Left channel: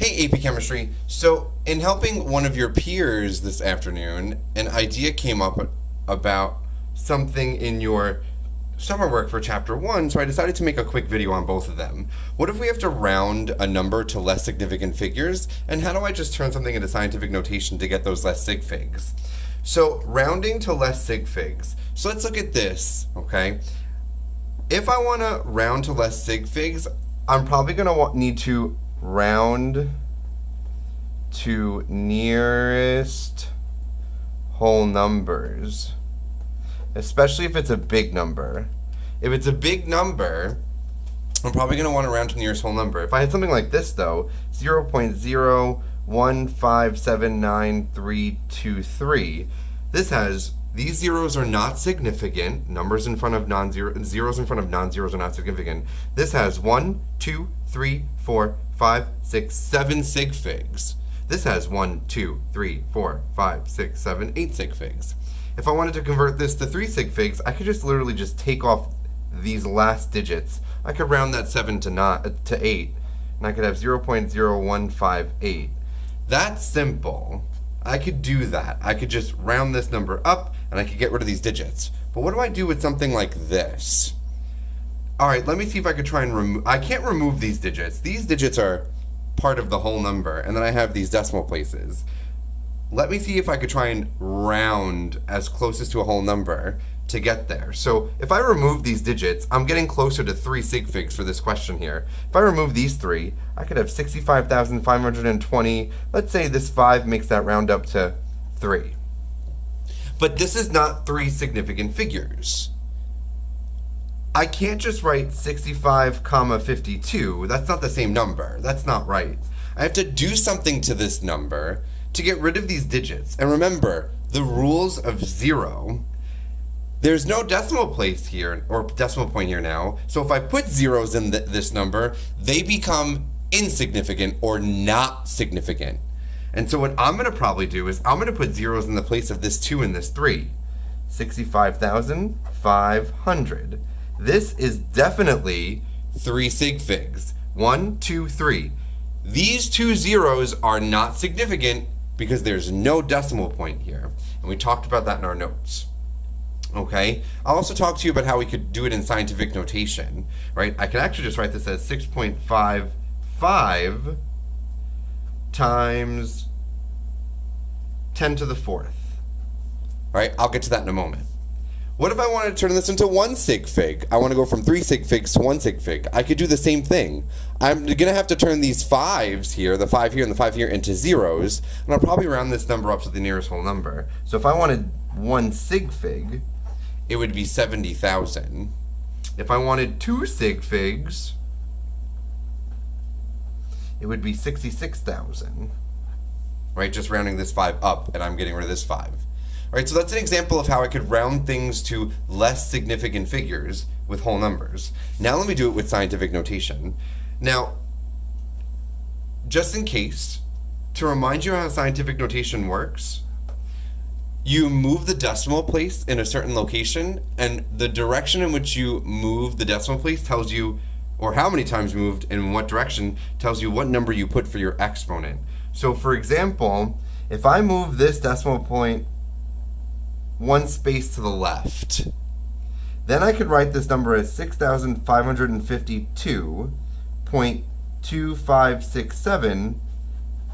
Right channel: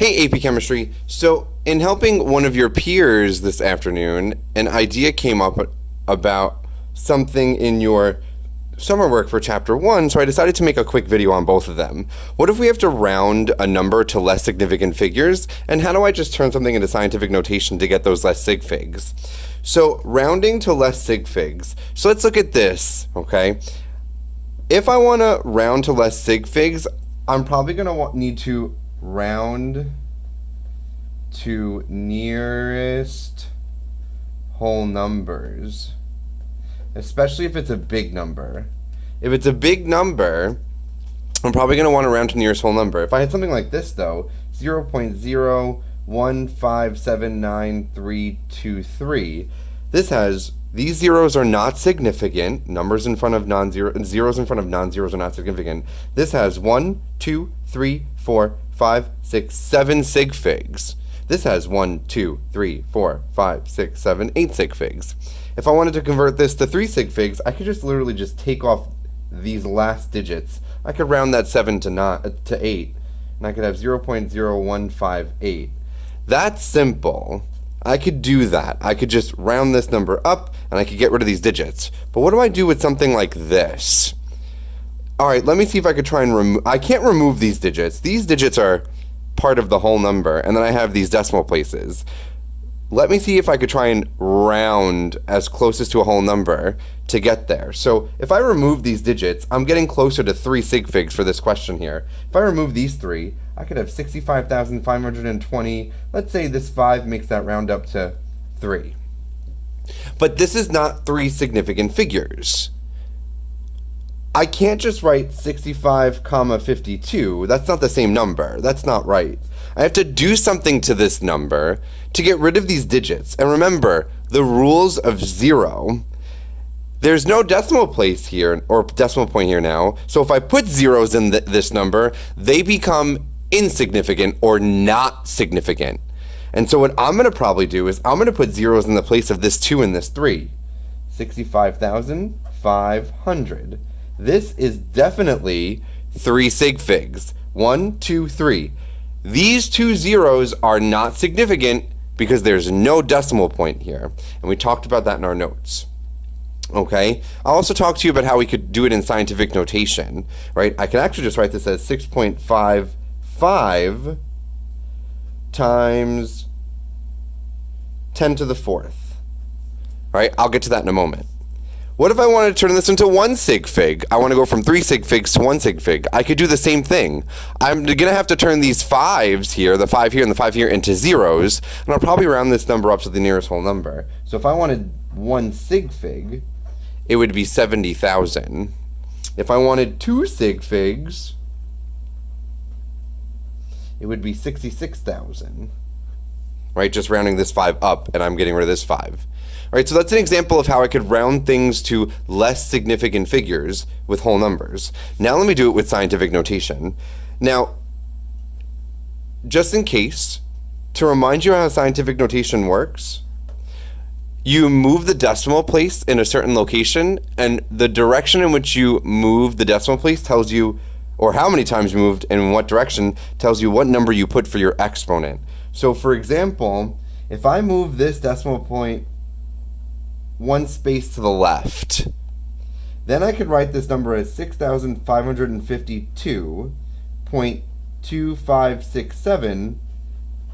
Hey, AP Chemistry. So, in helping one of your peers this afternoon, an idea came up about something in your summer work for chapter 1, so I decided to make a quick video on both of them. What if we have to round a number to less significant figures, and how do I just turn something into scientific notation to get those less sig figs? So, rounding to less sig figs. So, let's look at this, okay? If I want to round to less sig figs, I'm probably going to need to round to nearest whole numbers, especially if it's a big number. If it's a big number, I'm probably going to want to round to nearest whole number. If I had something like this, though, 0.015793323, this has, these zeros are not significant. Numbers in front of non-zero, zeros in front of non-zeros are not significant. This has 1, 2, 3, 4, 5, 6, 7 sig figs. This has 1, 2, 3, 4, 5, 6, 7, 8 sig figs. If I wanted to convert this to 3 sig figs, I could just literally just take off these last digits. I could round that 7 to 8, and I could have 0.0158. That's simple. I could do that. I could just round this number up, and I could get rid of these digits. But what do I do with something like this? All right, let me see if I could try and remove. I can't remove these digits. These digits are part of the whole number, and then I have these decimal places. Let me see if I could try and round as closest to a whole number to get there. So if I remove these digits, I'm getting closer to 3 sig figs for this question here. If I remove these 3, I could have 65,520. Let's say this 5 makes that round up to 3. But this is not 3 significant figures. I can't just write 65, 52. That's not the same number. That's not right. I have to do something to this number to get rid of these digits. And remember, the rules of 0, there's no decimal place here, or decimal point here now. So if I put zeros in this number, they become insignificant or not significant. And so what I'm going to probably do is I'm going to put zeros in the place of this 2 and this 3. 65,500. This is definitely 3 sig figs. 1, 2, 3. These 2 zeros are not significant because there's no decimal point here. And we talked about that in our notes. Okay? I'll also talk to you about how we could do it in scientific notation, right? I could actually just write this as 6.55 times 10 to the 4th. All right? I'll get to that in a moment. What if I wanted to turn this into 1 sig fig? I want to go from 3 sig figs to 1 sig fig. I could do the same thing. I'm going to have to turn these 5s here, the 5 here and the 5 here, into zeros, and I'll probably round this number up to the nearest whole number. So if I wanted 1 sig fig, it would be 70,000. If I wanted 2 sig figs, it would be 66,000. Right, just rounding this 5 up, and I'm getting rid of this 5. All right, so that's an example of how I could round things to less significant figures with whole numbers. Now let me do it with scientific notation. Now, just in case, to remind you how scientific notation works, you move the decimal place in a certain location, and the direction in which you move the decimal place tells you, or how many times you moved and in what direction, tells you what number you put for your exponent. So for example, if I move this decimal point 1 space to the left, then I could write this number as 6,552.2567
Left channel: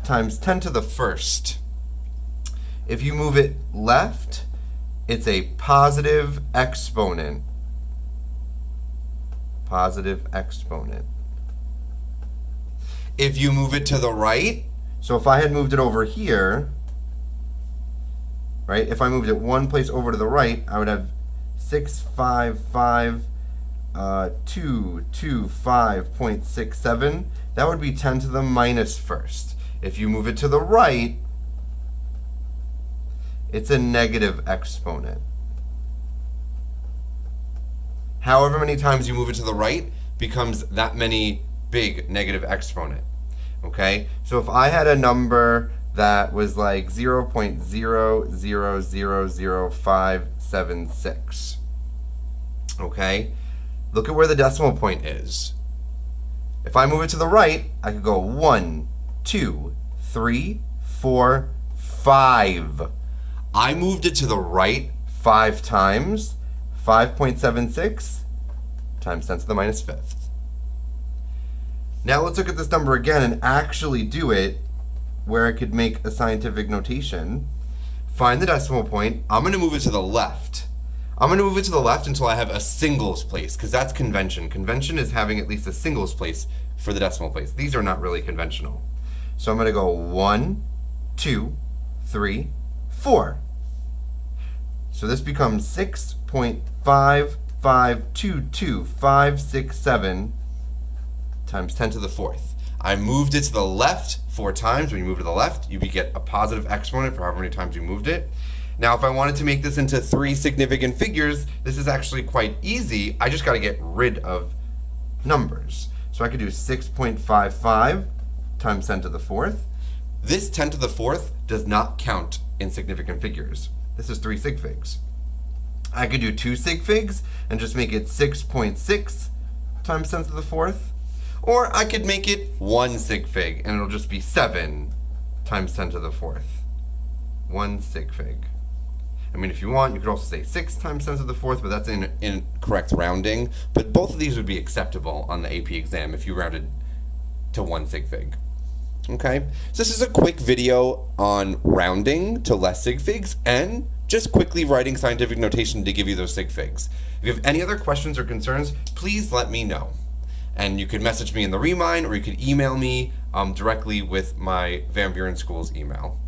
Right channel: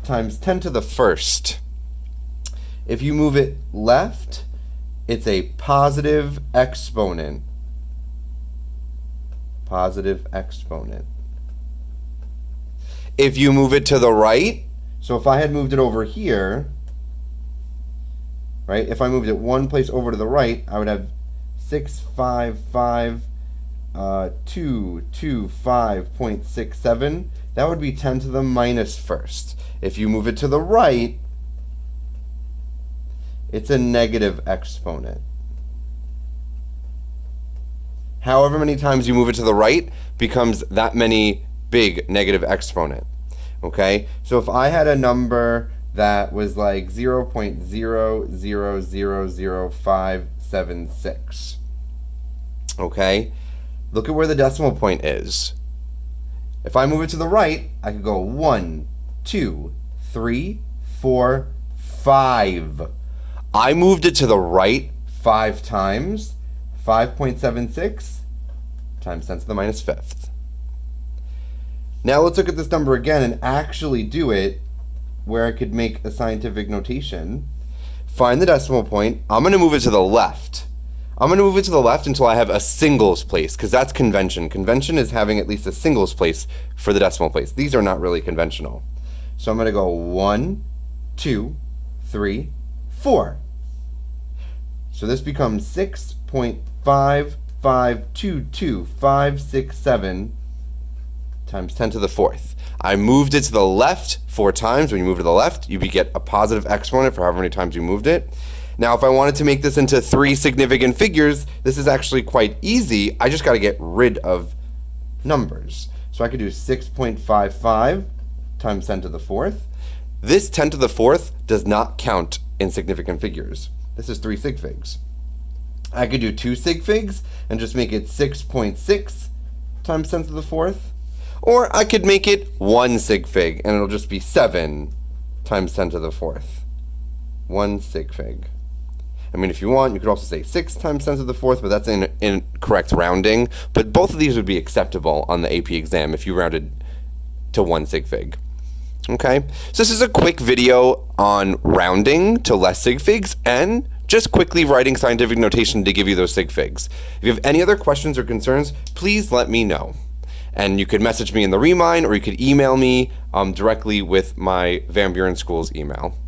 times 10 to the 1st. If you move it left, it's a positive exponent. Positive exponent. If you move it to the right, so if I had moved it over here, right? If I moved it 1 place over to the right, I would have 655,225.67. That would be 10 to the minus 1st. If you move it to the right, it's a negative exponent. However many times you move it to the right becomes that many big negative exponent. Okay? So if I had a number that was like 0.0000576. Okay? Look at where the decimal point is. If I move it to the right, I could go 1, 2, 3, 4, 5. I moved it to the right 5 times. 5.76 times 10 to the minus fifth. Now let's look at this number again and actually do it where I could make a scientific notation. Find the decimal point. I'm going to move it to the left. I'm going to move it to the left until I have a singles place, because that's convention. Convention is having at least a singles place for the decimal place. These are not really conventional. So I'm going to go 1, 2, 3, 4. So this becomes 6.5522567 times 10 to the fourth. I moved it to the left 4 times. When you move to the left, you get a positive exponent for however many times you moved it. Now, if I wanted to make this into 3 significant figures, this is actually quite easy. I just got to get rid of numbers. So I could do 6.55 times 10 to the fourth. This 10 to the fourth does not count in significant figures. This is 3 sig figs. I could do 2 sig figs and just make it 6.6 times 10 to the fourth. Or I could make it 1 sig fig and it'll just be 7 times 10 to the fourth. 1 sig fig. I mean, if you want, you could also say 6 times 10 to the fourth, but that's incorrect rounding. But both of these would be acceptable on the AP exam if you rounded to 1 sig fig. Okay, so this is a quick video on rounding to less sig figs and just quickly writing scientific notation to give you those sig figs. If you have any other questions or concerns, please let me know. And you could message me in the Remind, or you could email me directly with my Van Buren Schools email.